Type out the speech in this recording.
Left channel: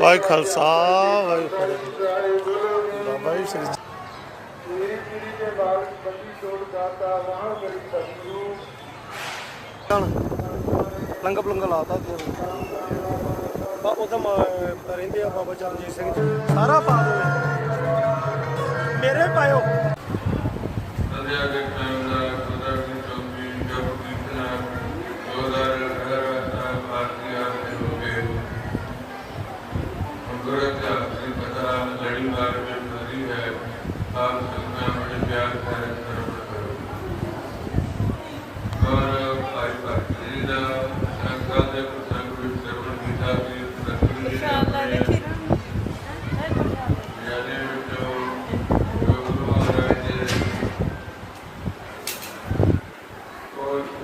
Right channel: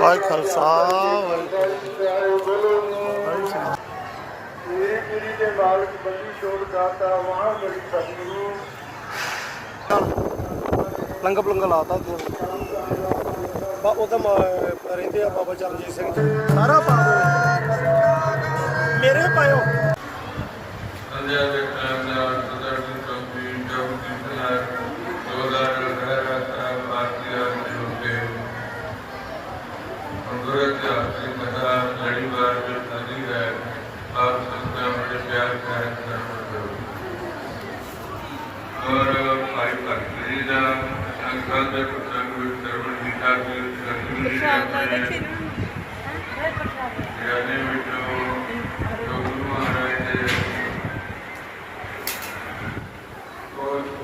ਵਾਹਿ ਖਾਲਸਾ ਵਾਹਿ ਸ੍ਰੀ ਮੇਰੀ ਪੀੜੀ ਦੇ ਮਾਲਕ ਬੰਦੀ ਛੋੜ ਦਾਤਾ ਵਾਹ ਮੇਰੀ ਸਤਿਗੁਰੂ ਲੰਗਾ ਪਲੰਗਾ ਲਾਤਾ ਅੱਗੇ। ਬਾ ਉਹ ਤਾਂ ਮ- ਰਹਿੰਦੇ ਆ ਬਾਬਾ ਚਰਨਜੀਤ ਸਿੰਘ। ਜੀ। ਸਾਰਾ ਪਾ ਦੋ ਮੇਰੇ ਪਾਇਓ। सूरत का नहीं पता लड़ी बार जो नदी है, आप सबका बड़े प्यार का इंतज़ाम करो और, भाई भाई का संसाधन संग सर्वन दिखा के और